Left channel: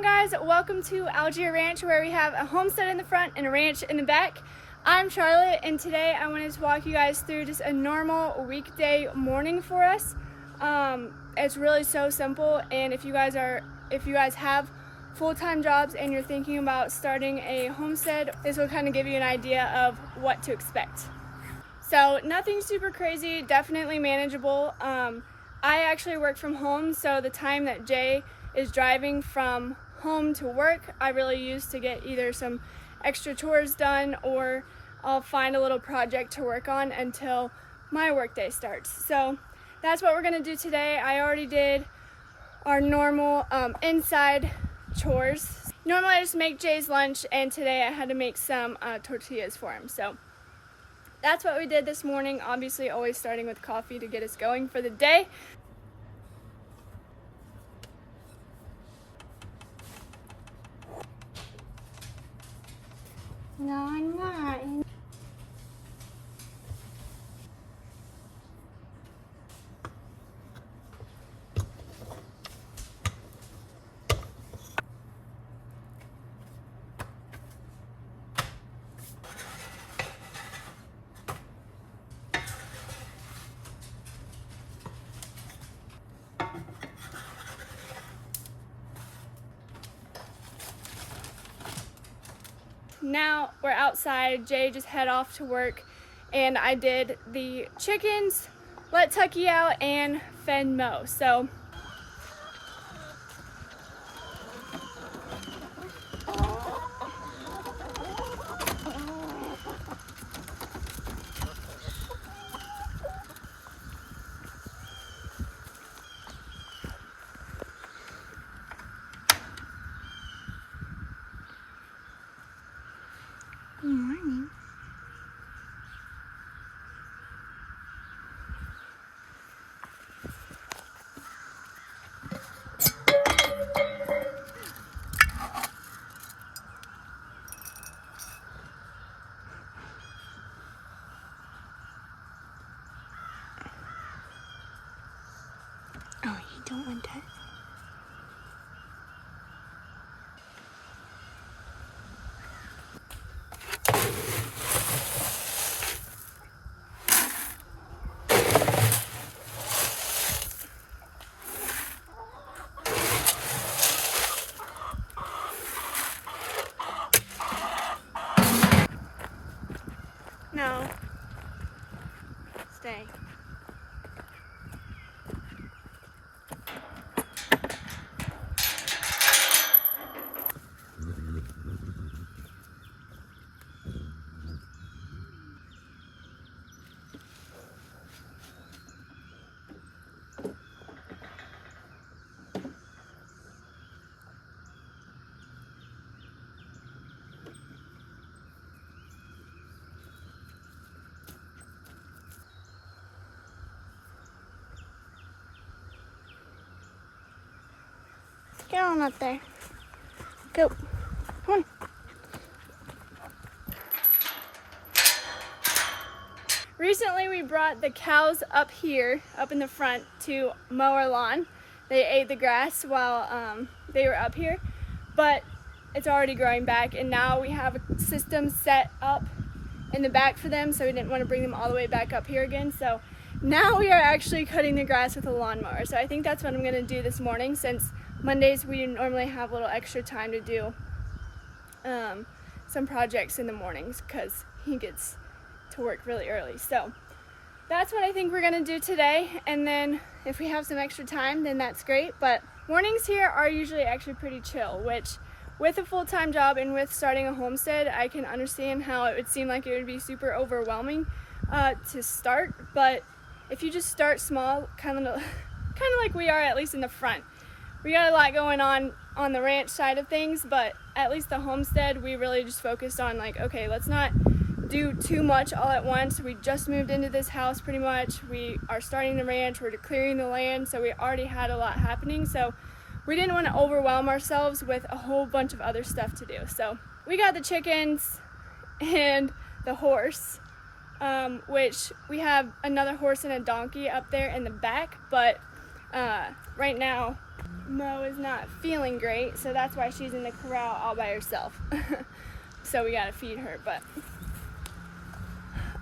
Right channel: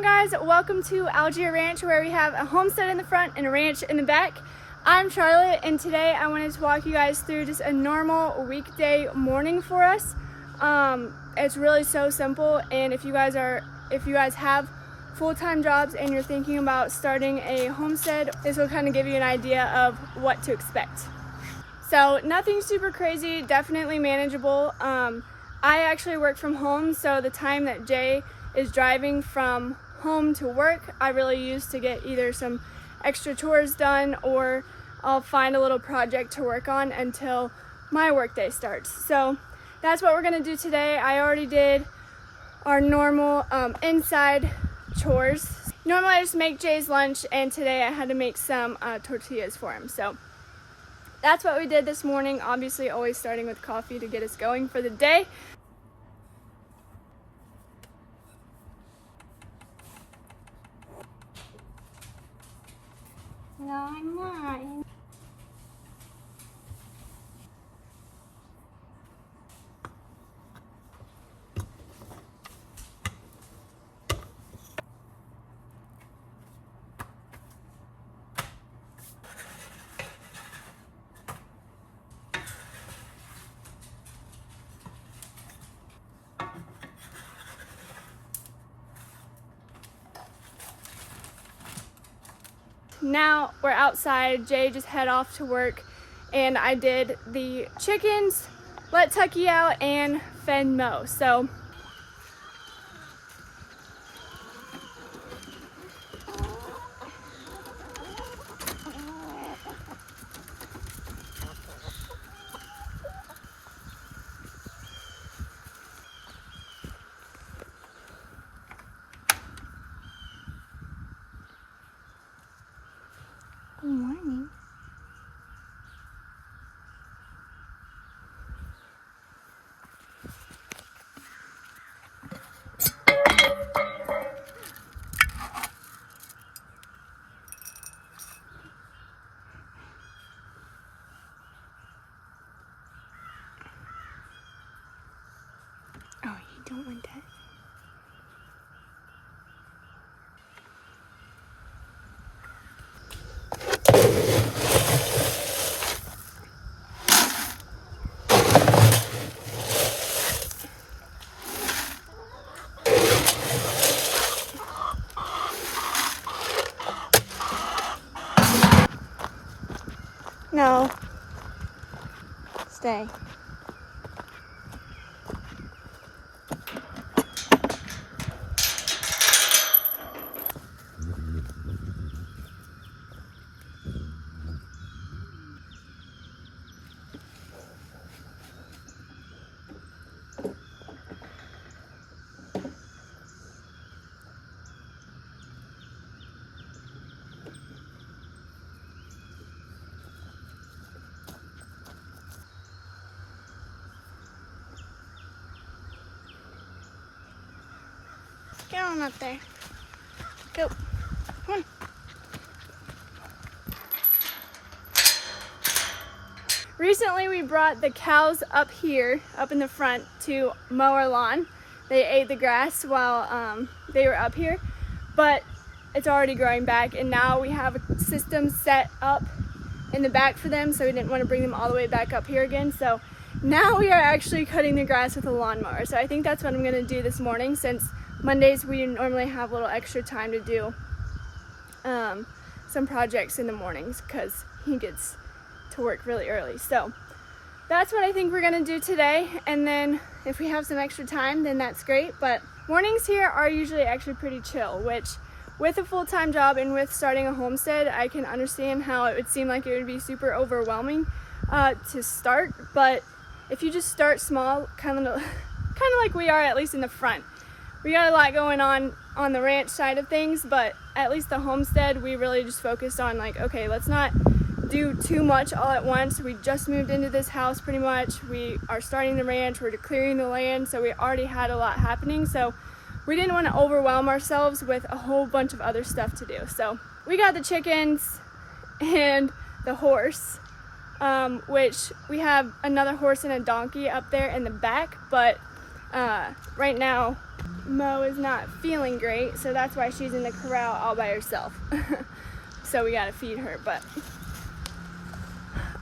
on, guys? Welcome to AlgiereRanch, where we have a homestead in the front and a ranch in the back. I'm Charlotte, and today I wanted to walk you guys through just a normal weekday morning for us. It's really so simple, and if you guys have full-time jobs and you're thinking about starting a homestead, this will kind of give you an idea of what to expect. So nothing super crazy, definitely manageable. I actually work from home, so the time that Jay is driving from home to work, I really use to get either some extra chores done, or I'll find a little project to work on until my workday starts. So that's what we're gonna do today. I already did our normal inside chores. Normally I just make Jay's lunch, and today I had to make some tortillas for him. So that's what we did this morning. Obviously always starting with coffee to get us going for the day. No, I'm not. Now we're outside. Jay just head off to work, and I did the chickens, let Tucky out, and fed Mo. So good morning. Oh, you don't want that? No. Stay. Get on up there. Go. Come on. Recently we brought the cows up here, up in the front, to mow our lawn. They ate the grass while they were up here, but it's already growing back, and now we have a system set up in the back for them, so we didn't want to bring them all the way back up here again. So now we are actually cutting the grass with a lawnmower. So I think that's what I'm going to do this morning, since Mondays we normally have a little extra time to do some projects in the mornings, because he gets to work really early. So that's what I think we're gonna do today, and then if we have some extra time, then that's great. But mornings here are usually actually pretty chill, which with a full-time job and with starting a homestead, I can understand how it would seem like it would be super overwhelming to start. But if you just start small, kind of like we are, at least in the front, we got a lot going on the ranch side of things, but at least the homestead, we really just focused on, like, okay, let's not do too much all at once. We just moved into this house pretty much. We are starting the ranch, we're clearing the land, so we already had a lot happening. So we didn't want to overwhelm ourselves with a whole bunch of other stuff to do. So we got the chickens and the horse, which we have another horse and a donkey up there in the back, but right now Mo is not feeling great, so that's why she's in the corral all by herself. So we gotta feed her, but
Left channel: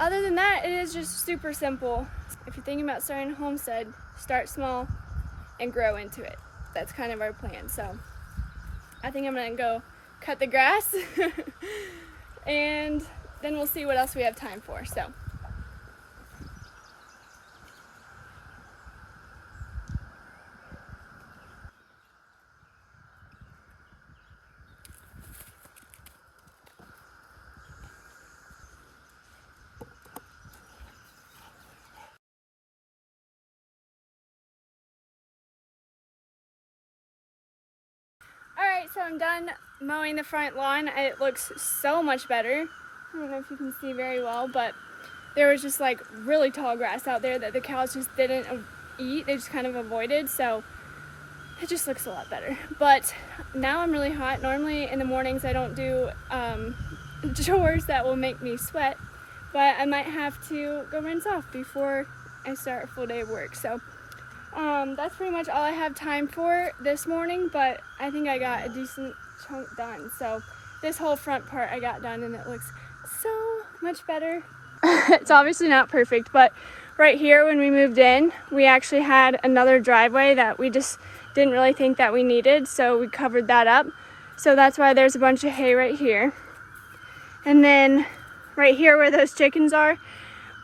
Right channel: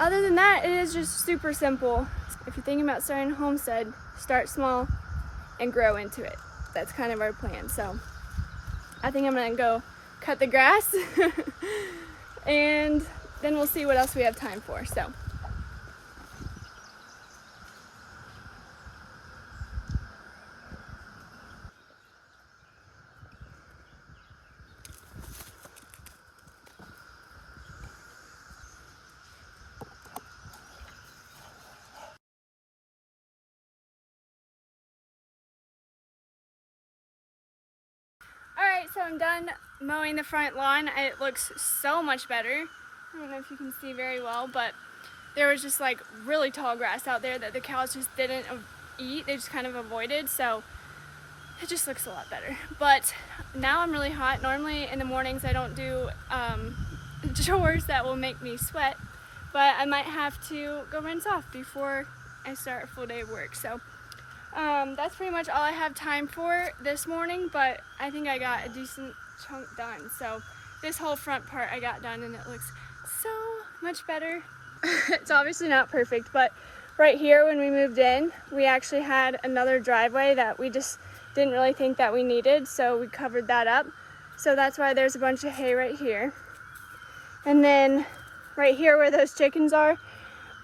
other than that, it is just super simple. If you're thinking about starting a homestead, start small and grow into it. That's kind of our plan. So I think I'm gonna go cut the grass and then we'll see what else we have time for. So alright, so I'm done mowing the front lawn. It looks so much better. I don't know if you can see very well, but there was just like really tall grass out there that the cows just didn't eat. They just kind of avoided, so it just looks a lot better. But now I'm really hot. Normally in the mornings I don't do chores that will make me sweat, but I might have to go rinse off before I start a full day of work. So that's pretty much all I have time for this morning, but I think I got a decent chunk done. So this whole front part I got done and it looks so much better. It's obviously not perfect, but right here when we moved in, we actually had another driveway that we just didn't really think that we needed, so we covered that up. So that's why there's a bunch of hay right here. And then right here where those chickens are,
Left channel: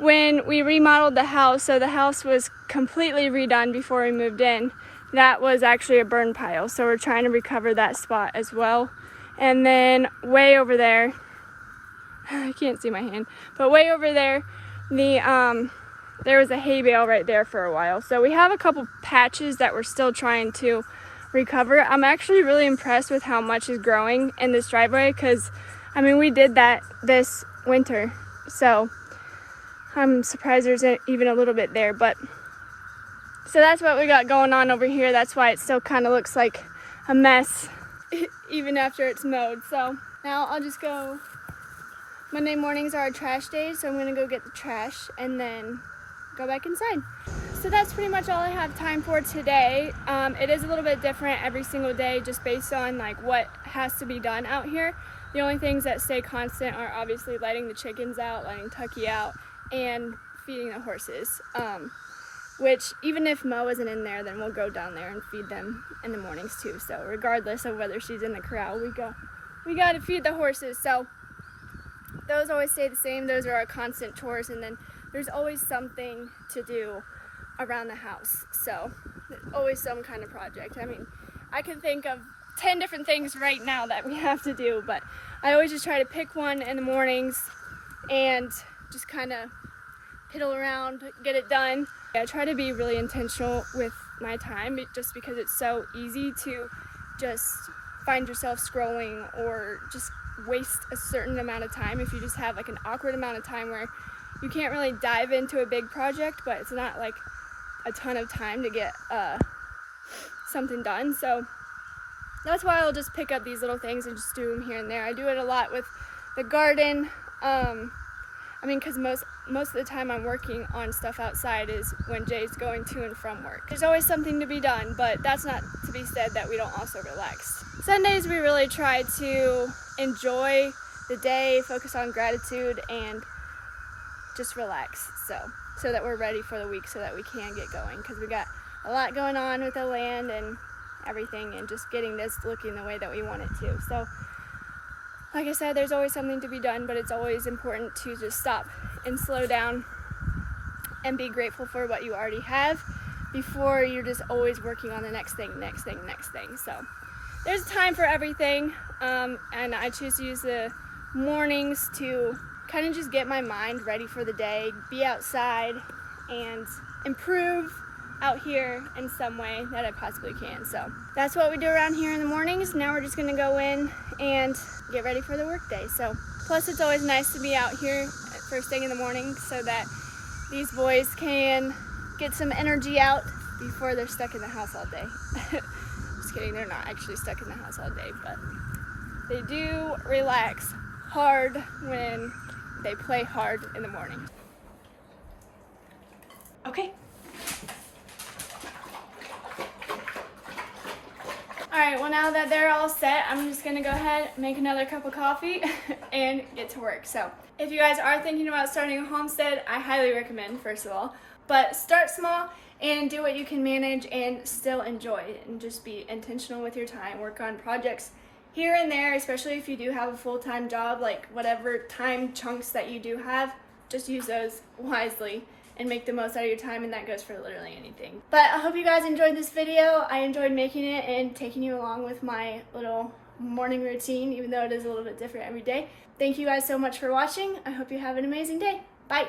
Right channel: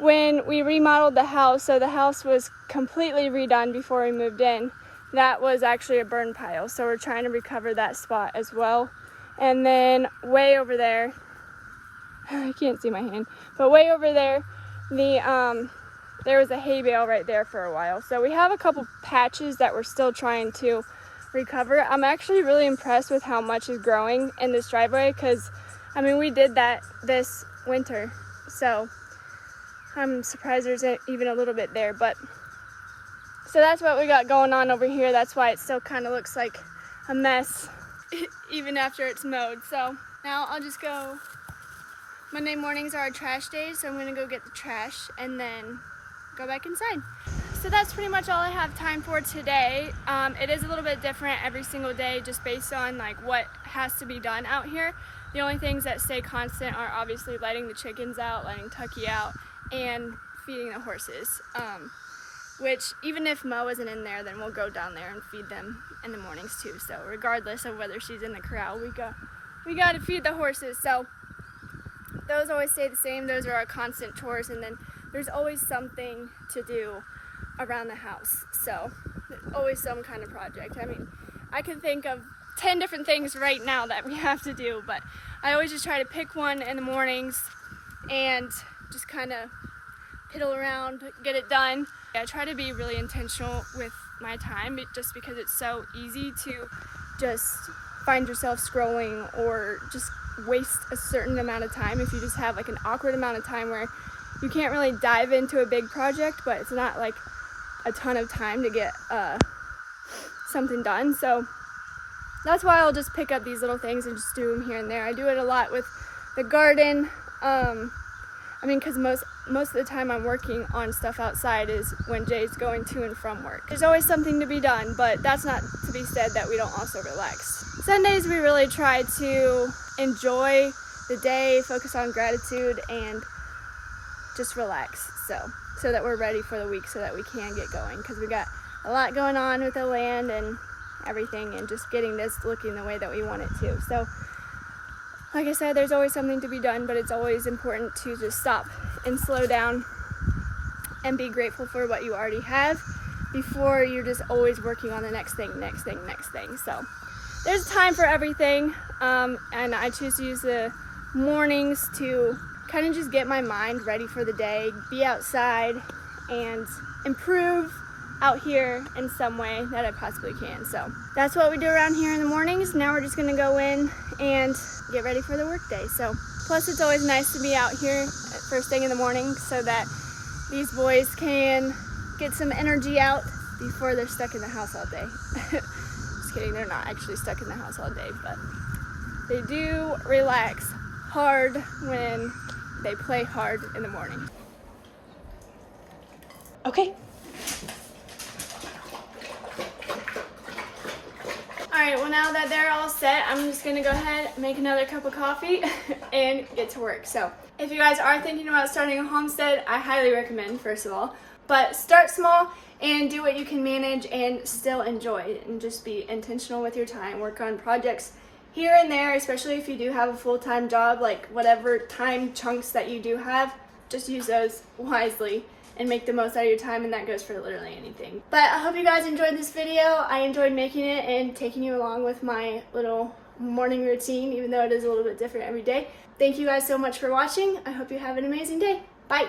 when we remodeled the house, so the house was completely redone before we moved in, that was actually a burn pile, so we're trying to recover that spot as well. And then way over there, I can't see my hand, but way over there, there was a hay bale right there for a while. So we have a couple patches that we're still trying to recover. I'm actually really impressed with how much is growing in this driveway, because I mean, we did that this winter, so I'm surprised there's even a little bit there. But so that's what we got going on over here. That's why it still kind of looks like a mess even after it's mowed. So now I'll just go. Monday mornings are our trash days, so I'm gonna go get the trash and then go back inside. So that's pretty much all I have time for today. It is a little bit different every single day, just based on like what has to be done out here. The only things that stay constant are obviously letting the chickens out, letting Tucky out, and feeding the horses. Which even if Mo isn't in there, then we'll go down there and feed them in the mornings too. So regardless of whether she's in the corral, we got to feed the horses. So those always stay the same. Those are our constant chores, and then there's always something to do around the house. So there's always some kind of project. I mean, I can think of 10 different things right now that we have to do, but I always just try to pick one in the mornings and just kind of piddle around, get it done. I try to be really intentional with my time, just because it's so easy to just find yourself scrolling or just waste a certain amount of time if you just have like an awkward amount of time where you can't really dive into a big project, but it's not like a ton of time to get something done. So that's why I'll just pick up these little things and just do them here and there. I do it a lot with the garden. I mean, because most of the time I'm working on stuff outside is when Jay's going to and from work. There's always something to be done, but that's not to be said that we don't also relax. Sundays we really try to enjoy the day, focus on gratitude, and just relax. So that we're ready for the week, so that we can get going, because we got a lot going on with the land and everything, and just getting this looking the way that we want it to. So like I said, there's always something to be done, but it's always important to just stop and slow down and be grateful for what you already have before you're just always working on the next thing. So there's time for everything, and I choose to use the mornings to kind of just get my mind ready for the day, be outside, and improve out here in some way that I possibly can. So that's what we do around here in the mornings. Now we're just gonna go in and get ready for the workday. So plus it's always nice to be out here at first thing in the morning, so that these boys can get some energy out before they're stuck in the house all day. Just kidding, they're not actually stuck in the house all day, but they do relax hard when they play hard in the morning. Okay. Alright, well now that they're all set, I'm just gonna go ahead, make another cup of coffee, and get to work. So, if you guys are thinking about starting a homestead, I highly recommend, first of all. But start small and do what you can manage and still enjoy it. And just be intentional with your time. Work on projects here and there, especially if you do have a full-time job, like whatever time chunks that you do have, just use those wisely and make the most out of your time, and that goes for literally anything. But I hope you guys enjoyed this video. I enjoyed making it and taking you along with my little morning routine, even though it is a little bit different every day. Thank you guys so much for watching. I hope you have an amazing day. Bye.